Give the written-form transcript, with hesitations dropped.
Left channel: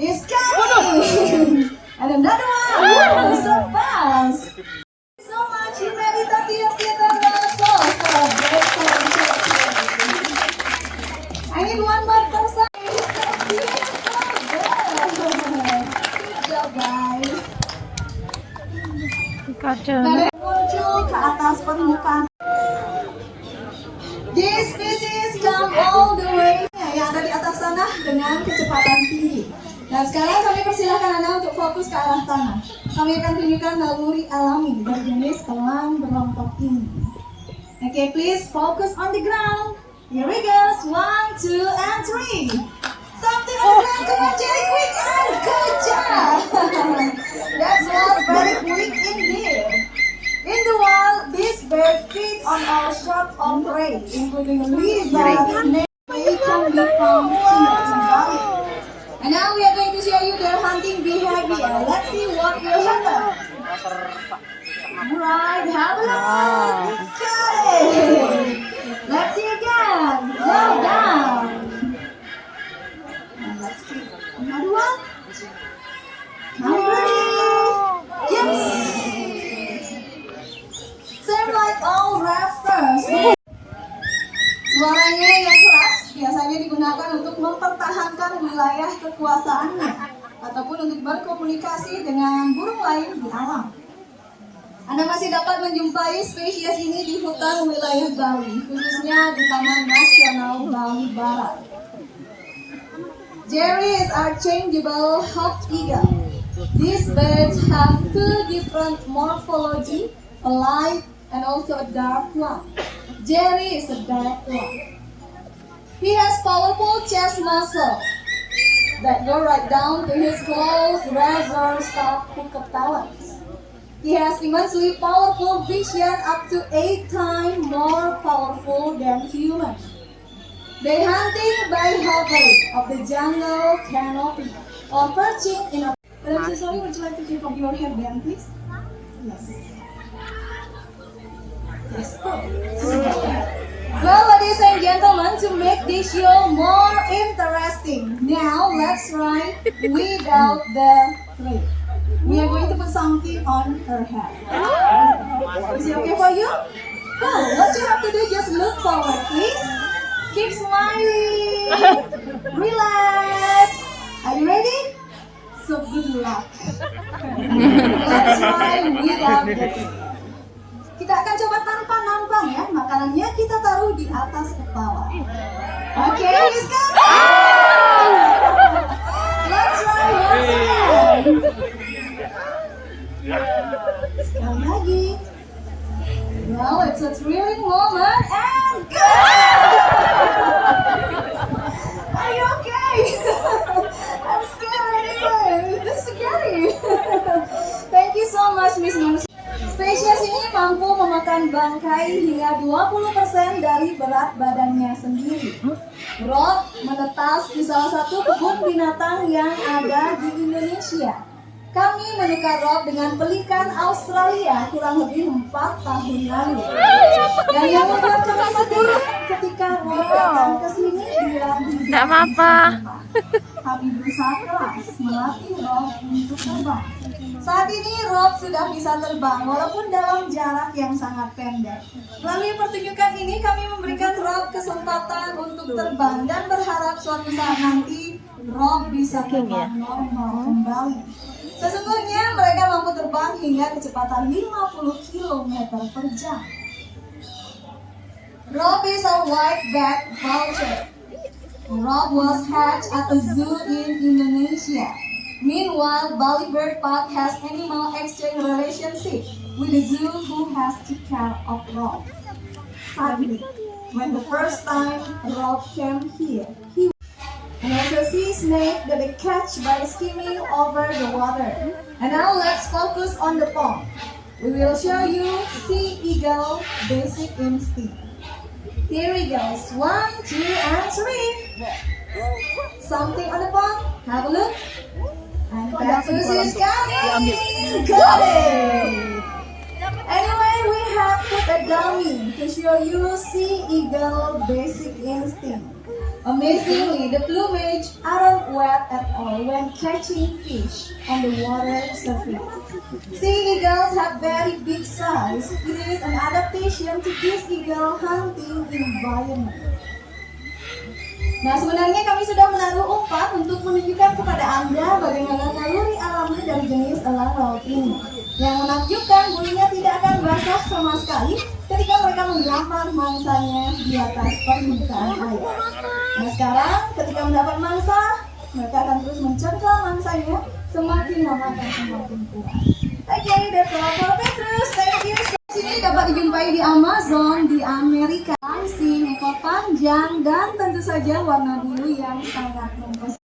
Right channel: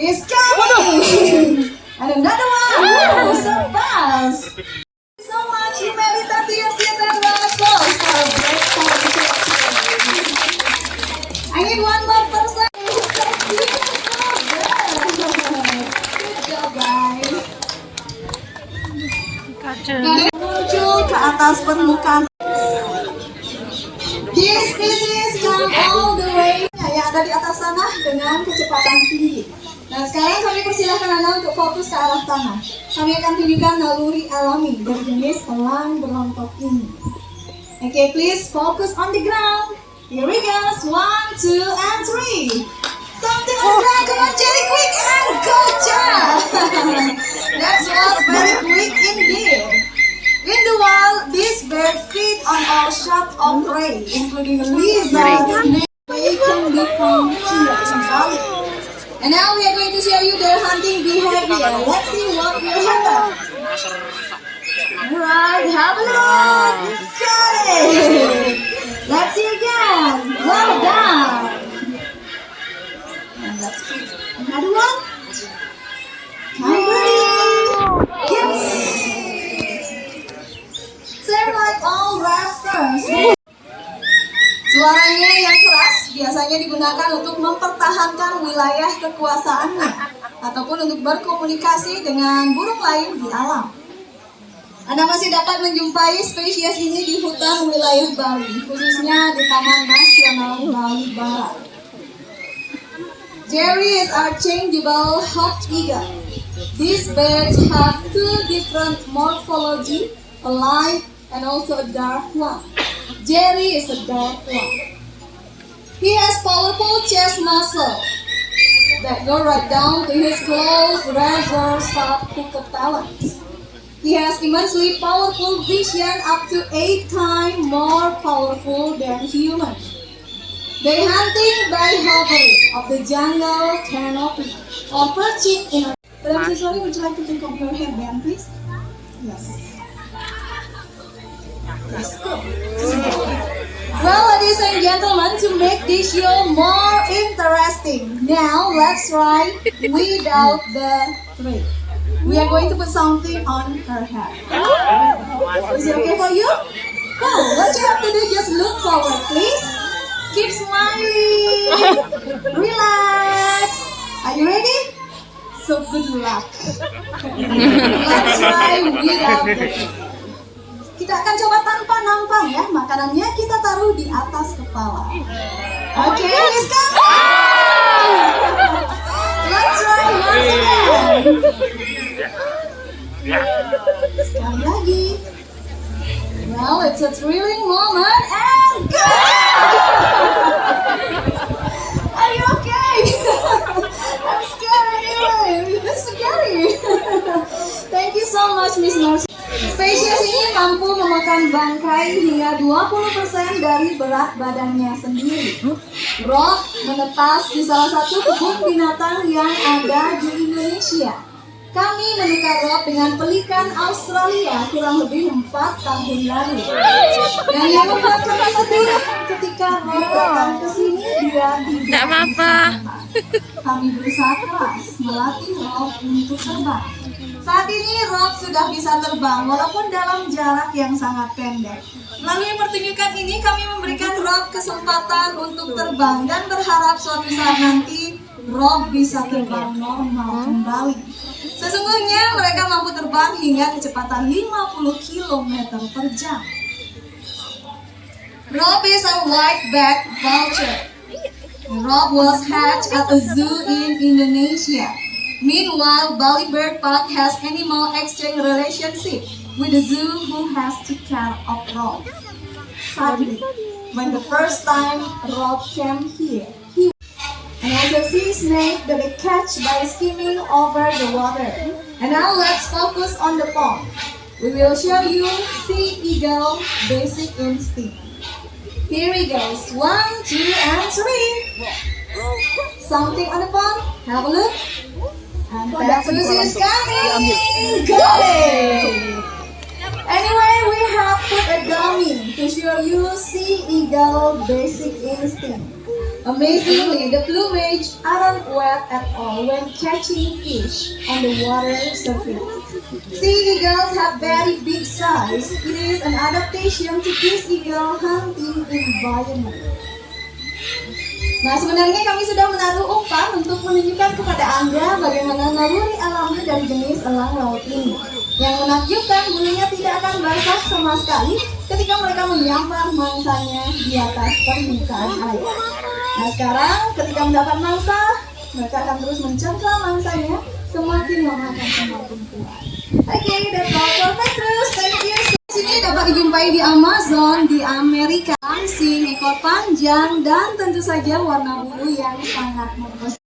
is coming. And another one. Woo, so fast. Thank you so much, Humanitati of Theater. I need one more person. Good job, guys. Muncul ke atas permukaan. This species come all the way yang ada di atas tanah dengan kecepatan tinggi. Nah, sekarang kami persilahkan Anda untuk fokus ke arah tanah. Kami akan tunjukkan naluri alami dari jenis elang berlontok ini. Okay, please focus on the ground. Here we go. 1, 2, and 3. Something on the ground. Come on, Jerry, quick and good job. That was very quick indeed. In the wild, this bird feeds on all sorts of prey, including lizards, snakes. They can be found here in Bali. And now we are going to show you their hunting behavior. Let's see what will happen. Alright, have a look. Got it. Let's see again. Go down. And let's see another one. Come ready. Yes. Same like all raptors. Suaranya yang keras biasanya digunakan untuk mempertahankan wilayah kekuasaannya ataupun untuk berkomunikasi dengan burung lain di alam. Anda masih dapat menjumpai spesies ini di hutan wilayah Bali, khususnya di Taman Nasional Bali Barat. Jerry is our changeable hawk eagle. These birds have two different morphology, a light and also a dark one. Jerry is a dark one. He has powerful chest muscles that go right down to his close, razor-sharp hooked talons. He has immensely powerful vision, up to 8 times more powerful than humans. They hunting by hovering of the jungle canopy or perching in a... But I'm so sorry, would you like to take off your headband, please? Yes. Let's go. Well, ladies and gentlemen, to make this show more interesting, now let's try without the thread. We are going to put something on her head. Is it okay for you? No, what you have to do, just look forward, please. Keep smiling. Relax. Are you ready? So good luck. Let's try without the thread. Kita akan coba tanpa nampang ya. Makanannya kita taruh di atas kepala. Oke, let's go. Let's try once again. Sekali lagi. Now it's a thrilling moment and go! Are you okay? I'm scared anyway. This is scary. Thank you so much, Miss Mercy. Spesies ini mampu memakan bangkai hingga 20% dari berat badannya sendiri. Rob menetas di salah satu kebun binatang yang ada di Indonesia. Kami menukar Rob dengan pelikan Australia kurang lebih 4 tahun lalu. Dan yang membuat kami sedih ketika Rob datang ke sini, dia tidak bisa terbang. Kami berusaha keras melatih Rob untuk terbang. Saat ini Rob sudah bisa terbang walaupun dalam jarak yang sangat pendek. Melalui pertunjukan ini kami memberikan Rob kesempatan untuk terbang dan berharap suatu saat nanti Rob bisa terbang normal kembali. Sesungguhnya mereka mampu terbang hingga kecepatan 50 km per jam. Rob is a white-backed vulture. Rob was hatched at a zoo in Indonesia. Meanwhile, Bali Bird Park has animal exchange relationship with the zoo who has to care of Rob. Sadly, when the first time Rob came here, he and also sea snake that they catch by skimming over the water. And now let's focus on the pond. We will show you sea eagle basic instinct. Here he goes. 1, 2, and 3. Something on the pond. Have a look. And that fish is coming. Got it. Anyway, we have put a dummy to show you sea eagle basic instinct. Amazingly, the plumage aren't wet at all. when catching fish on the water surface. Sea eagles have very big size. It is an adaptation to this eagle hunting environment. Nah, sebenarnya kami sudah menaruh umpan untuk menunjukkan kepada Anda bagaimana naluri alami dari jenis elang laut ini. Yang menakjubkan, bulunya tidak akan basah sama sekali ketika mereka menyambar mangsanya di atas permukaan air. Nah, sekarang ketika mendapat mangsa, mereka akan terus mencengkram mangsanya, semakin lama akan semakin kuat. Oke, that's all for Petrus. Thank you. Sini dapat dijumpai di Amazon, di Amerika. Langsing, ekor panjang, dan tentu saja warna bulu yang sangat mempesankan.